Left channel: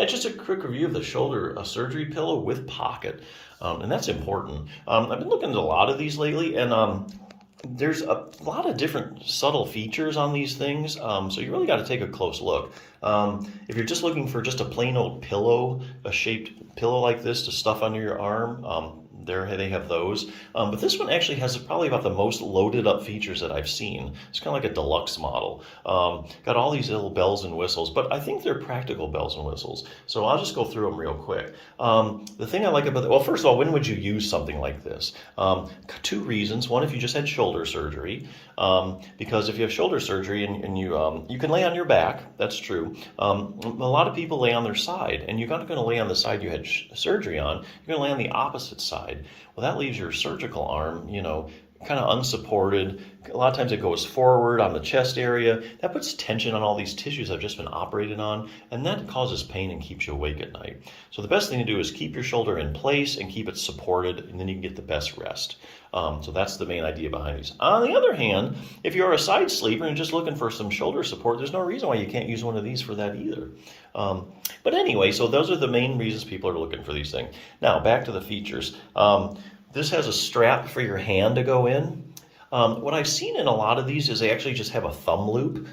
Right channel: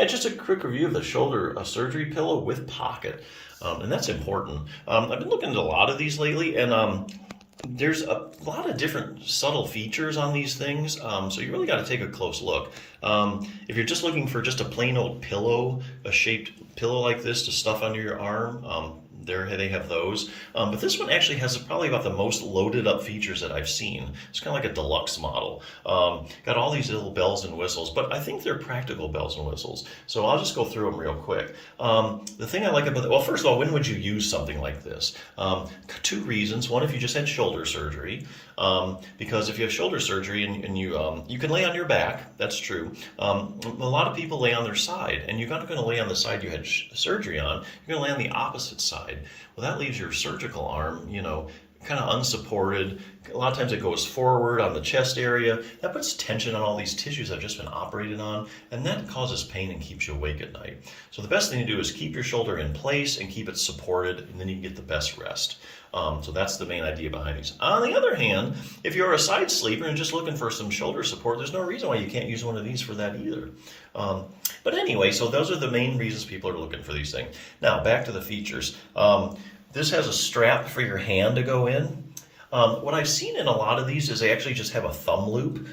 Yeah, just a quick review of the shoulder surgery pillow with pocket, and that's important. I've been looking at a lot of these lately, and there's a lot of different subtle features on these things, so you really got to take a close look. If you're just looking for just a plain old pillow, a shaped pillow like this to stuff under your arm, there they have those. But this one actually has probably about the most loaded up features that I've seen. It's kind of like a deluxe model. Got all these little bells and whistles, but I think they're practical bells and whistles. So I'll just go through them real quick. The thing I like about well, first of all, when would you use something like this? Two reasons. One, if you just had shoulder surgery, because if you have shoulder surgery and you can lay on your back, that's true. A lot of people lay on their side, and you're not going to lay on the side you had surgery on. You're going to lay on the opposite side. Well, that leaves your surgical arm, kind of unsupported. A lot of times it goes forward on the chest area. That puts tension on all these tissues that have just been operated on, and that causes pain and keeps you awake at night. So the best thing to do is keep your shoulder in place and keep it supported, and then you can get the best rest. So that's the main idea behind these. On the other hand, if you're a side sleeper and just looking for some shoulder support, there's no reason why you can't use one of these for that either. But anyway, so those are the main reasons people are looking for these things. Now, back to the features. This has a strap for your hand to go in. What I've seen in a lot of these is they actually just have a thumb loop,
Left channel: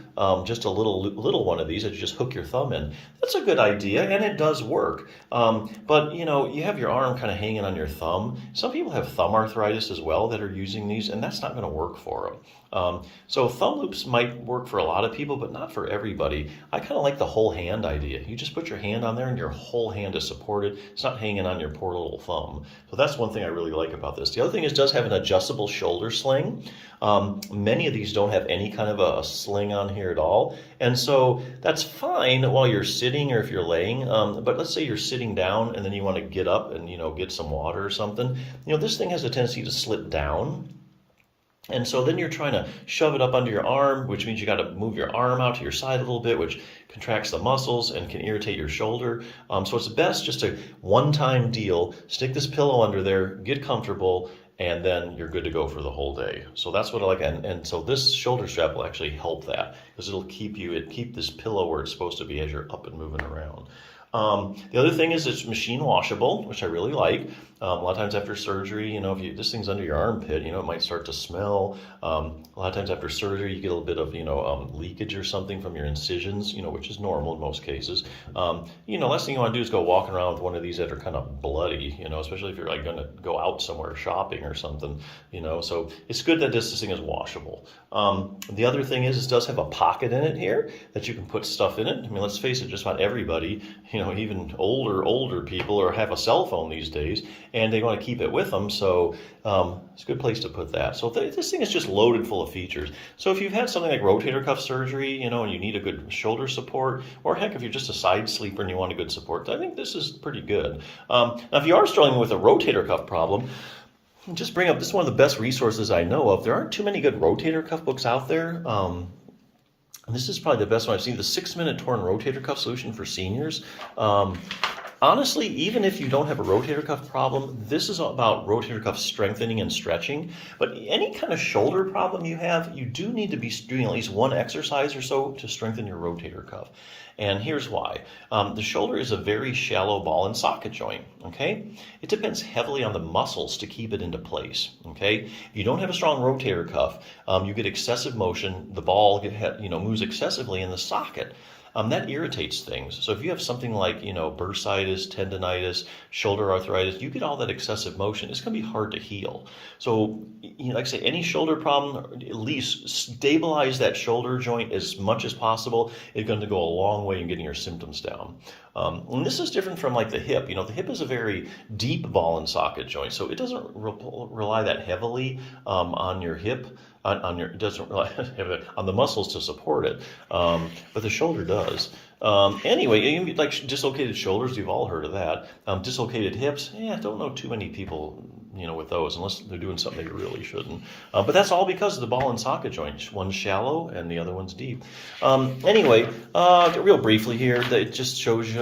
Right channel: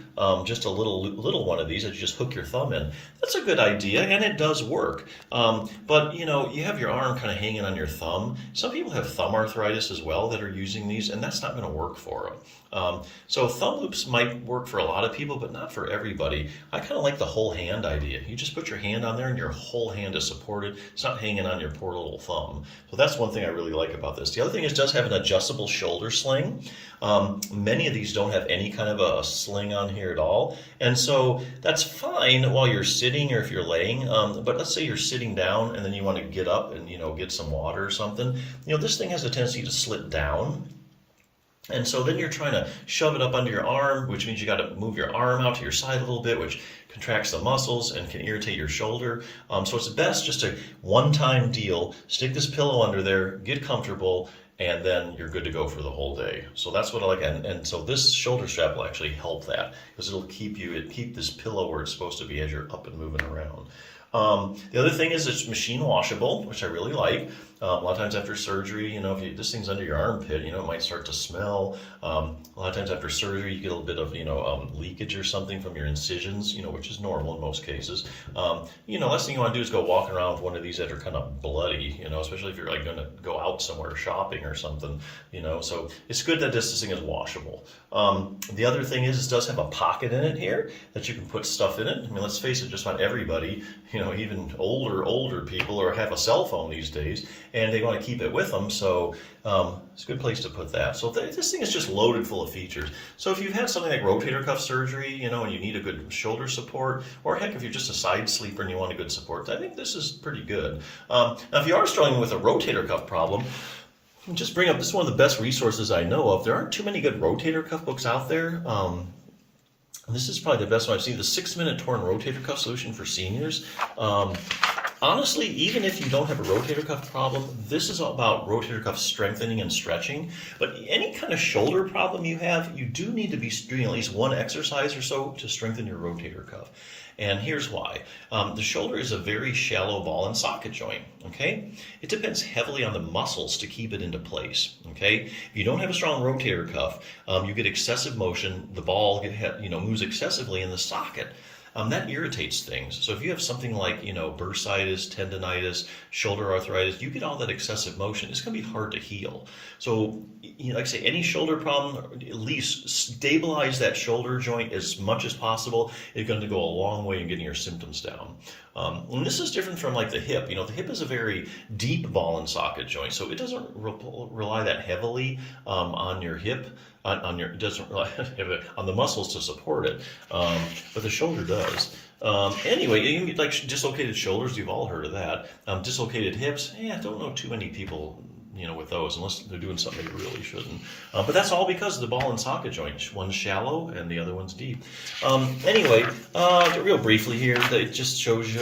just a little one of these that you just hook your thumb in. That's a good idea, and it does work. But you have your arm kind of hanging on your thumb. Some people have thumb arthritis as well that are using these, and that's not going to work for them. So thumb loops might work for a lot of people, but not for everybody. I kind of like the whole hand idea. You just put your hand on there and your whole hand is supported. It's not hanging on your poor little thumb. So that's one thing I really like about this. The other thing is it does have an adjustable shoulder sling. Many of these don't have any kind of a sling on here at all. And so that's fine while you're sitting or if you're laying. But let's say you're sitting down and then you want to get up and, get some water or something. This thing has a tendency to slip down. And so then you're trying to shove it up under your arm, which means you got to move your arm out to your side a little bit, which contracts the muscles and can irritate your shoulder. So it's best just a one-time deal. Stick this pillow under there, get comfortable, and then you're good to go for the whole day. So that's what I like. And so this shoulder strap will actually help that because it'll keep this pillow where it's supposed to be as you're up and moving around. The other thing is it's machine washable, which I really like. A lot of times after surgery, if this thing's under your armpit, it might start to smell. A lot of times after surgery, you get a little bit of, leakage or something from your incisions, which is normal in most cases. Last thing you want to do is go walking around with one of these that are kind of bloody, especially if you're like going to go out somewhere shopping or something, so it's good that this thing is washable. The other thing is it does have a pocket in it here that you can put stuff in it. I mean, let's face it, just about everybody, even older people or have a cell phone these days, and they want to keep it with them. So it's a good place to put that. So this thing is just loaded full of features. So if you've had something like rotator cuff surgery, and you need a good shoulder support, or heck, if you're just a side sleeper and you want a good support, I think this is pretty good. Now, if you are struggling with a rotator cuff problem, just bring up, this is one of the best resources I know of. There aren't too many good rotator cuff books out there. This is probably the best one I've seen, the 6-Minute Torn Rotator Cuff Solution for Seniors. Honestly, even if you don't have a rotator cuff problem, this is all about rotator cuff strengthening and stretching. But any kind of shoulder problem you have, you do need to be doing at least one exercise or so to strengthen your rotator cuff. And here's why. The shoulder is a very shallow ball and socket joint, okay? It depends heavily on the muscles to keep it into place, okay? If you don't have a strong rotator cuff, you get excessive motion, the ball moves excessively in the socket. That irritates things. So if you have something like, bursitis, tendonitis, shoulder arthritis, you get all that excessive motion, it's going to be hard to heal. So, like I say, any shoulder problem, at least stabilize that shoulder joint as much as possible. It's going to go a long way in getting your symptoms down. And this is different from like the hip. The hip is a very deep ball and socket joint, so it doesn't rely that heavily on your hip. It doesn't rely on the muscles to support it, but the shoulder does. Anyway, like dislocated shoulders, you've all heard of that. Dislocated hips, I don't know too many people, with those, unless they're doing something they really shouldn't. But that's all because of the ball and socket joint. One's shallow and the other one's deep. Anyway, real briefly here, it just shows you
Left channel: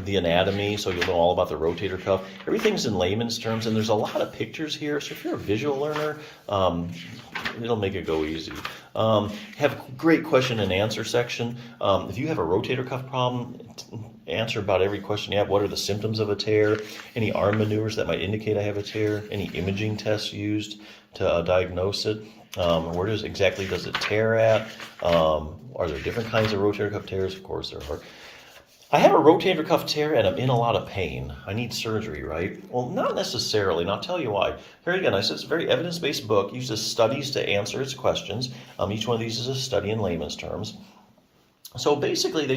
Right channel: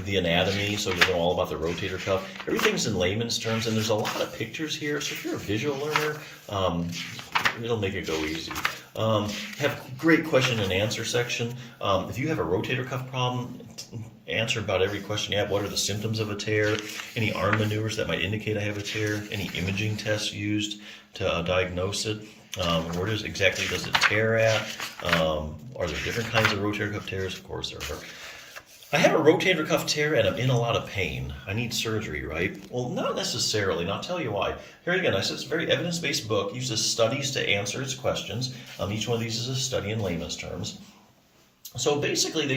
the anatomy, so you'll know all about the rotator cuff. Everything's in layman's terms, and there's a lot of pictures here, so if you're a visual learner, it'll make it go easy. Have a great question and answer section. If you have a rotator cuff problem, answer about every question you have. What are the symptoms of a tear? Any arm maneuvers that might indicate I have a tear? Any imaging tests used to diagnose it? Where exactly does it tear at? Are there different kinds of rotator cuff tears? Of course there are. I have a rotator cuff tear and I'm in a lot of pain. I need surgery, right? Well, not necessarily, and I'll tell you why. Here again, I said it's a very evidence-based book, uses studies to answer its questions. Each one of these is a study in layman's terms. So basically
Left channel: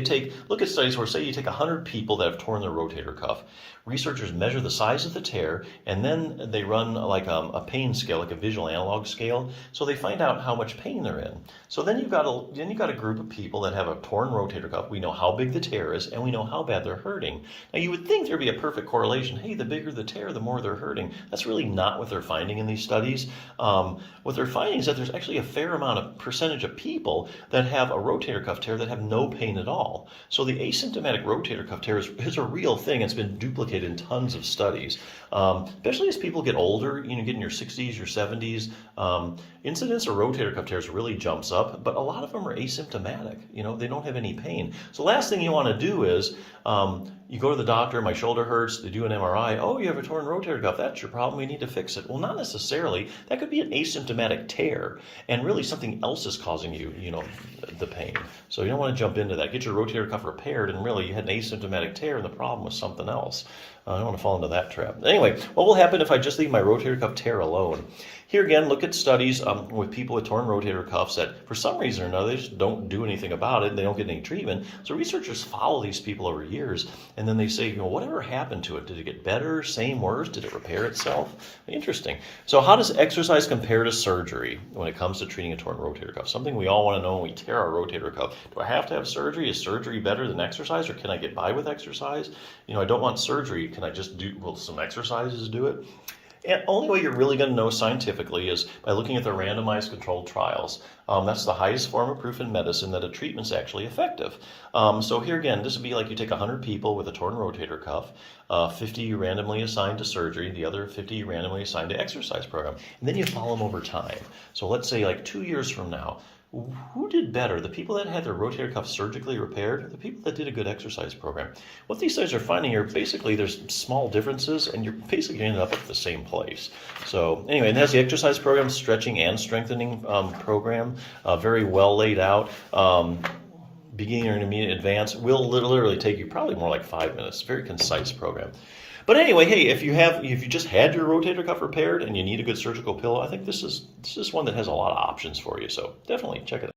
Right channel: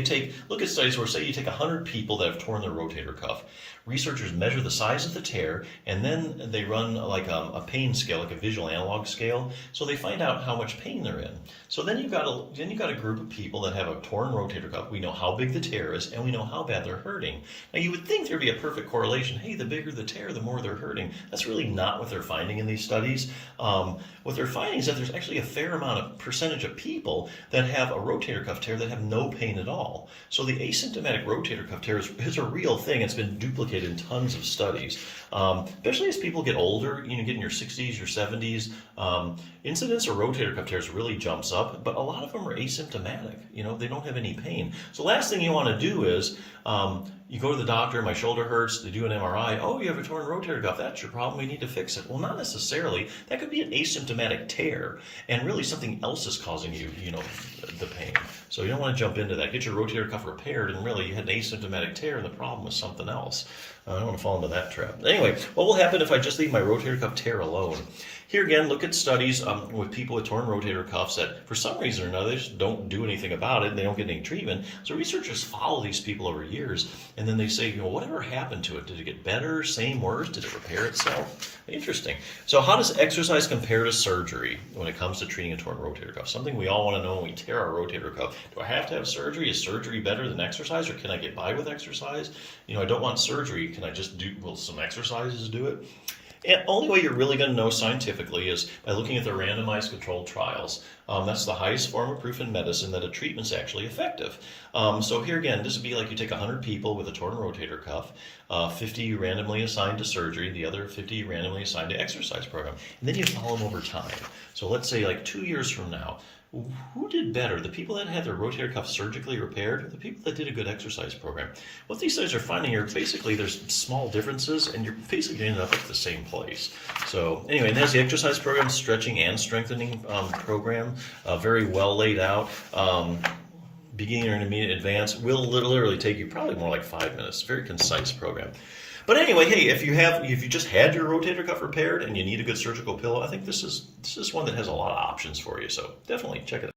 look at studies where, say, you take 100 people that have torn their rotator cuff. Researchers measure the size of the tear, and then they run like a pain scale, like a visual analog scale, so they find out how much pain they're in. So then you've got a group of people that have a torn rotator cuff. We know how big the tear is, and we know how bad they're hurting. Now, you would think there'd be a perfect correlation. Hey, the bigger the tear, the more they're hurting. That's really not what they're finding in these studies. What they're finding is that there's actually a fair amount of percentage of people that have a rotator cuff tear that have no pain at all. So the asymptomatic rotator cuff tear is a real thing. It's been duplicated in tons of studies, especially as people get older, get in your 60s, your 70s. Incidence of rotator cuff tears really jumps up, but a lot of them are asymptomatic. They don't have any pain. So last thing you want to do is you go to the doctor, my shoulder hurts, they do an MRI. Oh, you have a torn rotator cuff. That's your problem. We need to fix it. Well, not necessarily. That could be an asymptomatic tear, and really something else is causing you, the pain. So you don't want to jump into that. Get your rotator cuff repaired, and really you had an asymptomatic tear, and the problem was something else. I don't want to fall into that trap. Anyway, what will happen if I just leave my rotator cuff tear alone? Here again, look at studies with people with torn rotator cuffs that for some reason or another they just don't do anything about it and they don't get any treatment. So researchers follow these people over years and then they say, whatever happened to it? Did it get better, same, worse? Did it repair itself? Interesting. So how does exercise compare to surgery when it comes to treating a torn rotator cuff? Something we all want to know when we tear our rotator cuff. Do I have to have surgery? Is surgery better than exercise, or can I get by with exercise? I don't want surgery. Can I just will some exercises do it? And only way you're really going to know scientifically is by looking at the randomized controlled trials. That's the highest form of proof in medicine that a treatment's actually effective. So here again, this would be like you take 100 people with a torn rotator cuff, 50 randomly assigned to surgery, the other 50 randomly assigned to exercise program, and then you follow them over time. So let's say like 2 years from now, who did better? The people that had their rotator cuff surgically repaired, or the people that did a good exercise program? What these studies are finding are basically there's small differences, and you're basically going to end up at the same place. So anyway, and it has the exercise program, stretching and strengthening program, very well laid out. Beginner, intermediate, advanced will literally take you probably more like 5 minutes. Very concise program. But anyway, hey, if you just had your rotator cuff repaired and you need a good surgical pillow, I think this is one that has a lot of options for you. So definitely check it out.